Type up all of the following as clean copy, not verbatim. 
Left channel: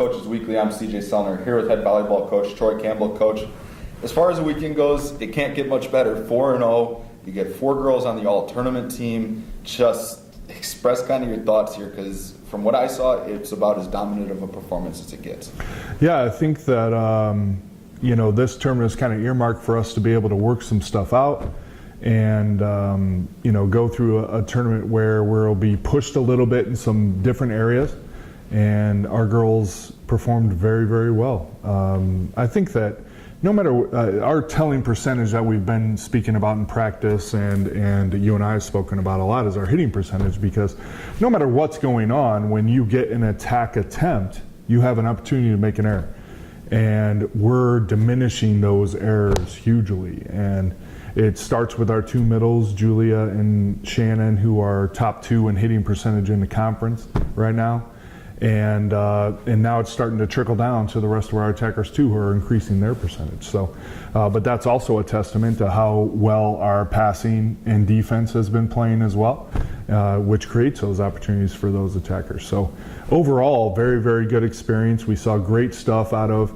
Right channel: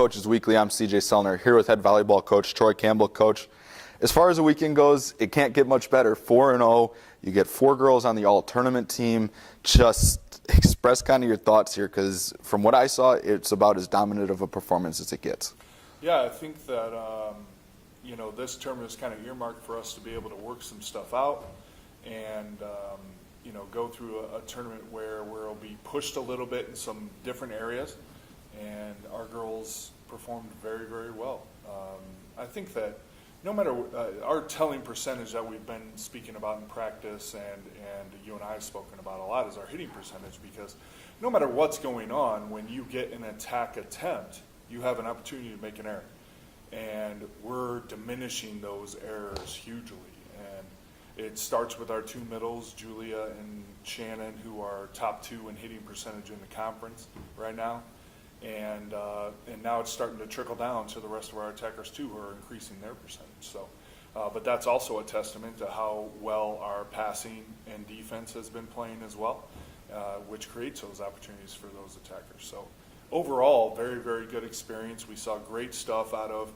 Coaches Weekly. I'm CJ Sellner here with head volleyball coach Troy Campbell. Coach, as far as the weekend goes, it can't get much better. 4-0. You get 4 girls on the all-tournament team. Just express kind of your thoughts here, because from what I saw, it's about as dominant of a performance as it gets. Yeah, I think that this tournament is kind of earmarked for us to be able to work some stuff out and go through a tournament where we'll be pushed a little bit in some different areas. And our girls performed very, very well. I think that no matter our telling percentage that we've been speaking about in practice, and you and I have spoken about a lot, is our hitting percentage, because no matter what's going on, when you get an attack attempt, you have an opportunity to make an error. And we're diminishing those errors hugely. And it starts with our 2 middles, Julia and Shannon, who are top 2 in hitting percentage in the conference right now. And now it's starting to trickle down to the rest of our attackers too, who are increasing their percentage. So, but that's also a testament to how well our passing and defense has been playing as well, which creates those opportunities for those attackers. So overall, very, very good experience. We saw great stuff out of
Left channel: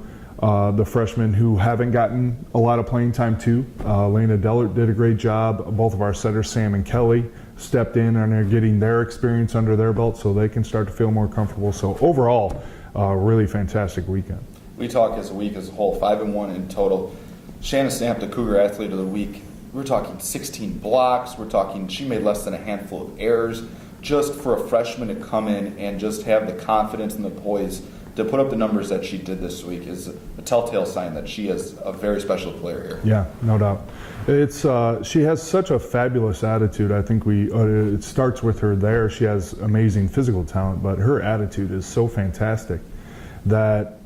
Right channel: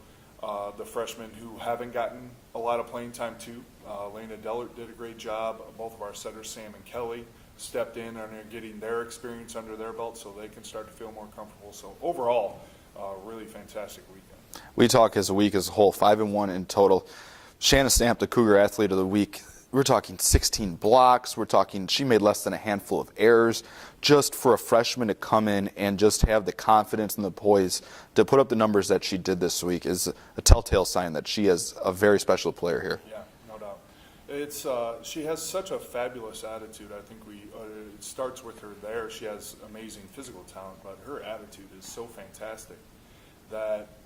the freshmen who haven't gotten a lot of playing time too. Lena Dellert did a great job. Both of our setters, Sam and Kelly, stepped in and are getting their experience under their belt so they can start to feel more comfortable. So overall, really fantastic weekend. We talk as a week as a whole, 5-1 in total. Shannon Stamp, the Cougar Athlete of the Week. We're talking 16 blocks. We're talking she made less than a handful of errors. Just for a freshman to come in and just have the confidence and the poise to put up the numbers that she did this week is a telltale sign that she is a very special player here. Yeah, no doubt. It's she has such a fabulous attitude. I think it starts with her there. She has amazing physical talent, but her attitude is so fantastic that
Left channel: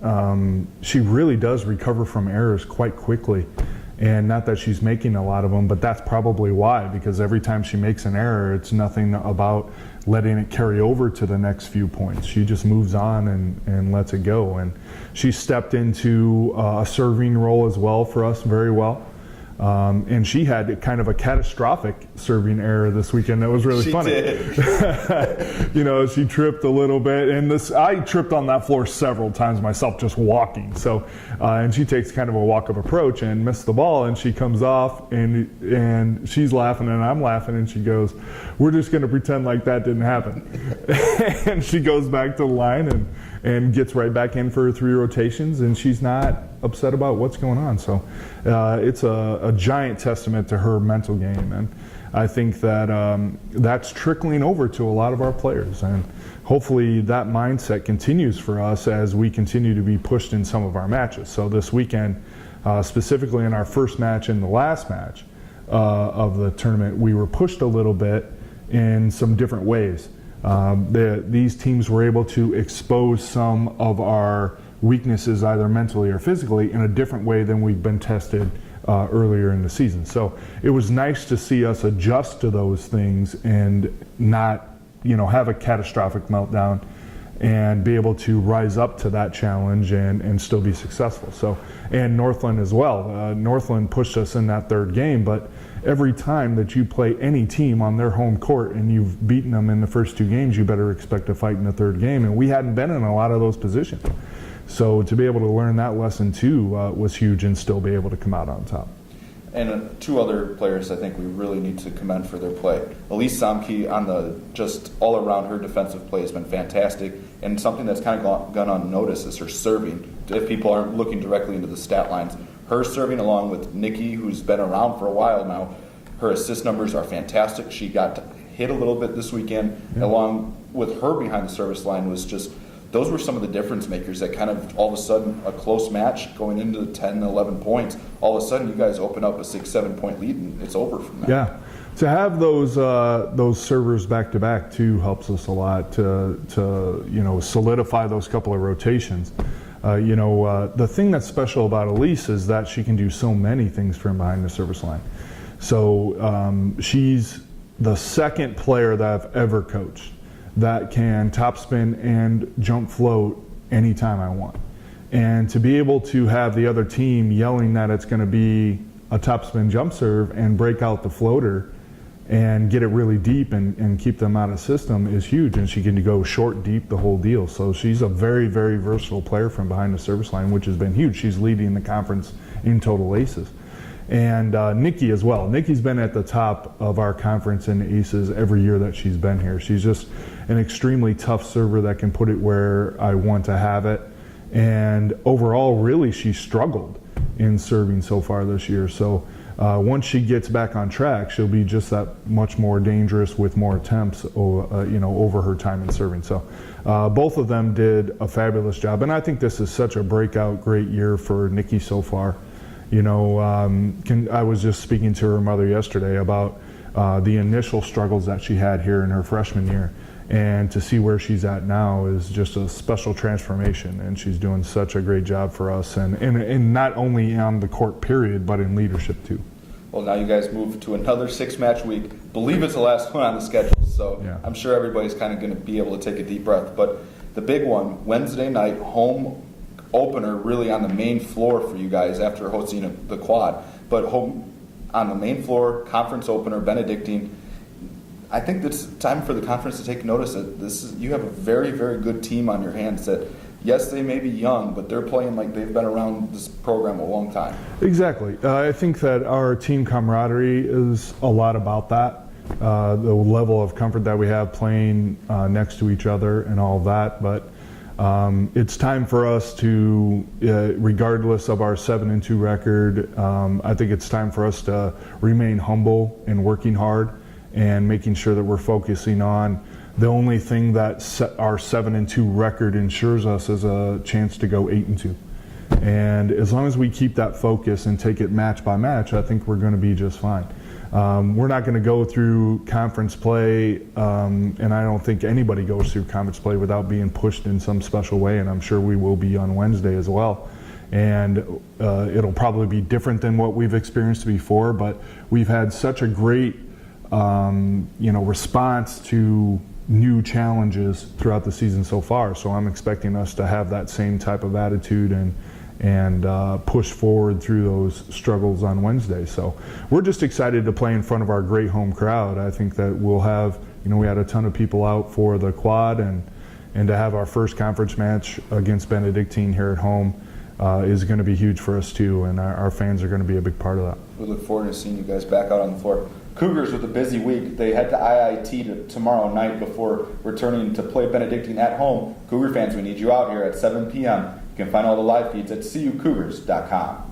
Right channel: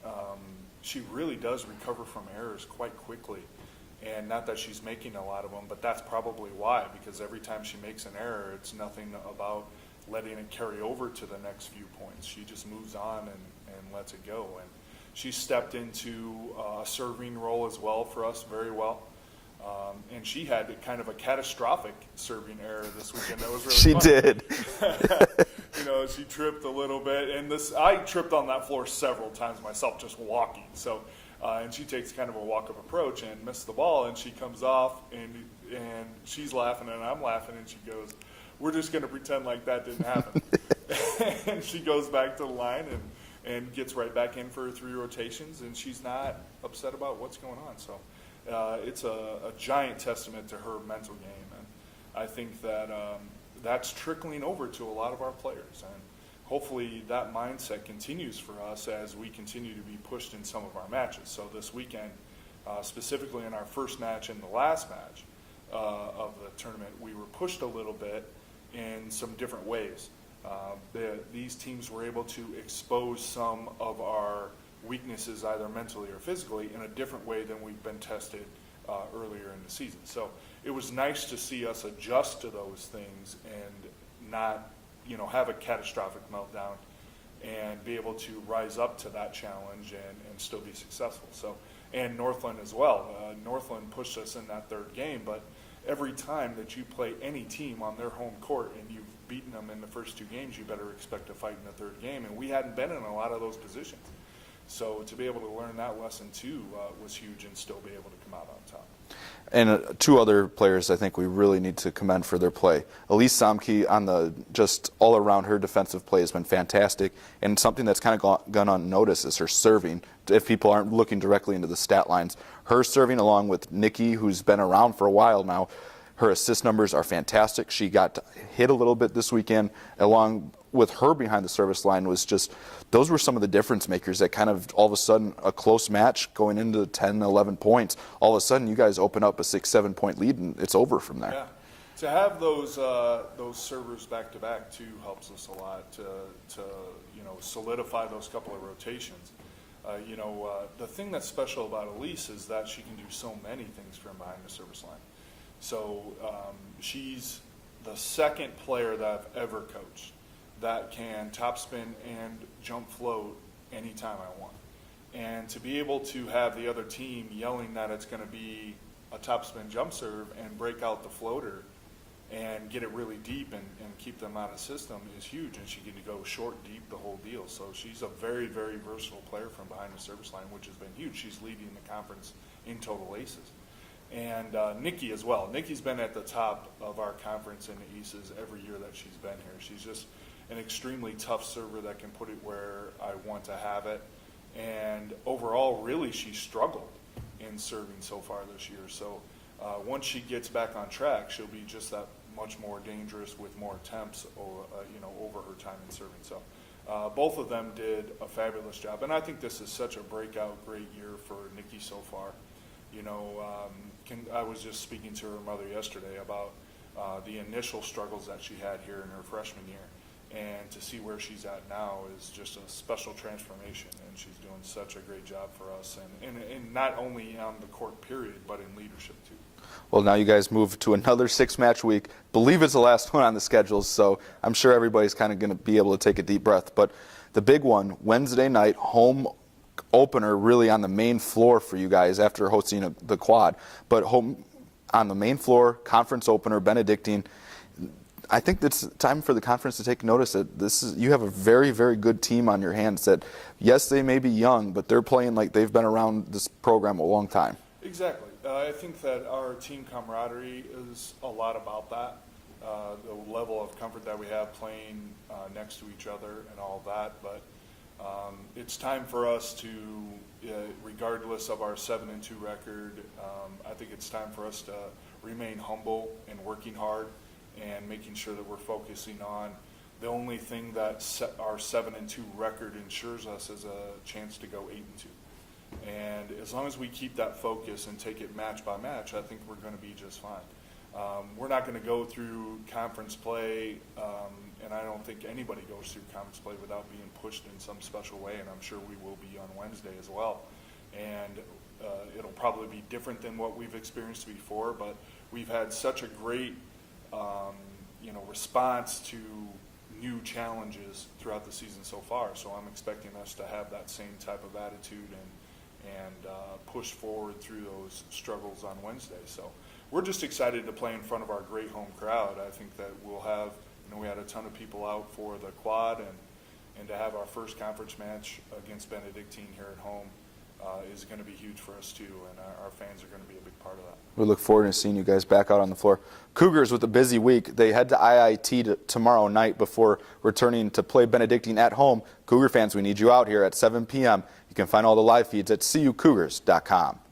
she really does recover from errors quite quickly. And not that she's making a lot of them, but that's probably why, because every time she makes an error, it's nothing about letting it carry over to the next few points. She just moves on and lets it go. And she stepped into a serving role as well for us very well. And she had kind of a catastrophic serving error this weekend that was really funny. She did. She tripped a little bit, and I tripped on that floor several times myself just walking. So, and she takes kind of a walk-up approach and missed the ball, and she comes off, and she's laughing and I'm laughing, and she goes, "We're just going to pretend like that didn't happen." And she goes back to the line and gets right back in for her 3 rotations, and she's not upset about what's going on. So it's a giant testament to her mental game, and I think that that's trickling over to a lot of our players, and hopefully that mindset continues for us as we continue to be pushed in some of our matches. So this weekend, specifically in our first match and the last match of the tournament, we were pushed a little bit in some different ways. These teams were able to expose some of our weaknesses, either mentally or physically, in a different way than we've been tested earlier in the season. So it was nice to see us adjust to those things and not, have a catastrophic meltdown, and be able to rise up to that challenge and still be successful. So, and Northland as well. Northland pushed us in that 3rd game, but every time that you play any team on their home court and you've beaten them in the first 2 games, you better expect to fight in the 3rd game. And we hadn't been in a lot of those positions. So to be able to learn that lesson too was huge, and still be able to come out on top. And 2 other players I think we really need to commend for their play. Elise Samke, on the just all around, her defensive play has been fantastic, and something that's kind of gone unnoticed is her serving. If people aren't looking directly into the stat lines, her serving along with Nikki, who's been around for a while now, her assist numbers are fantastic. She got hit a little bit this weekend, along with her behind the service line was just, those were some of the difference makers that kind of all of a sudden, a close match going into 10, 11 points, all of a sudden you guys open up a 6-7 point lead and it's over from that. Yeah. To have those servers back to back too helps us a lot to solidify those couple of rotations. The thing that's special about Elise is that she can do so many things from behind the service line. So she's the 2nd player that I've ever coached that can topspin and jump float anytime I want. And to be able to have the other team yelling that it's going to be a topspin jump serve and break out the floater and get it really deep and keep them out of system is huge. And she can go short, deep, the whole deal. So she's a very, very versatile player from behind the service line, which has been huge. She's leading the conference in total aces. And Nikki as well. Nikki's been at the top of our conference in aces every year that she's been here. She's just an extremely tough server that can put it where I want to have it. And overall, really, she struggled in serving so far this year. So once she gets back on track, she'll be just that much more dangerous with more attempts, over her time in serving. So both of them did a fabulous job, and I think this is such a breakout, great year for Nikki so far. I was just speaking to her mother yesterday about the initial struggles that she had here in her freshman year. And to see where she's at now is just a special transformation, and she's doing such a great job for us, and not only on the court period, but in leadership too. Well, now you guys move to another 6-match week. Believe it's the last one on the schedule, so Yeah. I'm sure everybody's kind of going to be able to take a deep breath. But the big one, Wednesday night, home opener really on the main floor for you guys after hosting the quad. But home on the main floor, conference opener, Benedictine. I think it's time for the conference to take notice that you have a very, very good team on your hands that, yes, they may be young, but they're playing like they've been around this program a long time. Exactly. I think that our team camaraderie is a lot about that. The level of comfort that we have playing next to each other and all of that. But it's time for us to, regardless of our 7-2 record, I think it's time for us to remain humble and working hard and making sure that we're focusing on the only thing that our 7-2 record ensures us is a chance to go 8-2. And as long as we keep that focus and take it match by match, I think we're going to be just fine. We're not going to go through conference play, and I don't think anybody goes through conference play without being pushed in some special way, and I'm sure we will be on Wednesday as well. And it'll probably be different than what we've experienced before, but we've had such a great response to new challenges throughout the season so far. So I'm expecting us to have that same type of attitude and push forward through those struggles on Wednesday. So we're just excited to play in front of our great home crowd. I think that we'll have, we had a ton of people out for the quad, and to have our first conference match against Benedictine here at home is going to be huge for us too, and our fans are going to be a big part of that. We look forward to seeing you guys back out on the floor. Cougars with a busy week. They head to IIT tomorrow night before returning to play Benedictine at home. Cougar fans, we need you out here at 7 p.m. You can find all the live feeds at cucougars.com.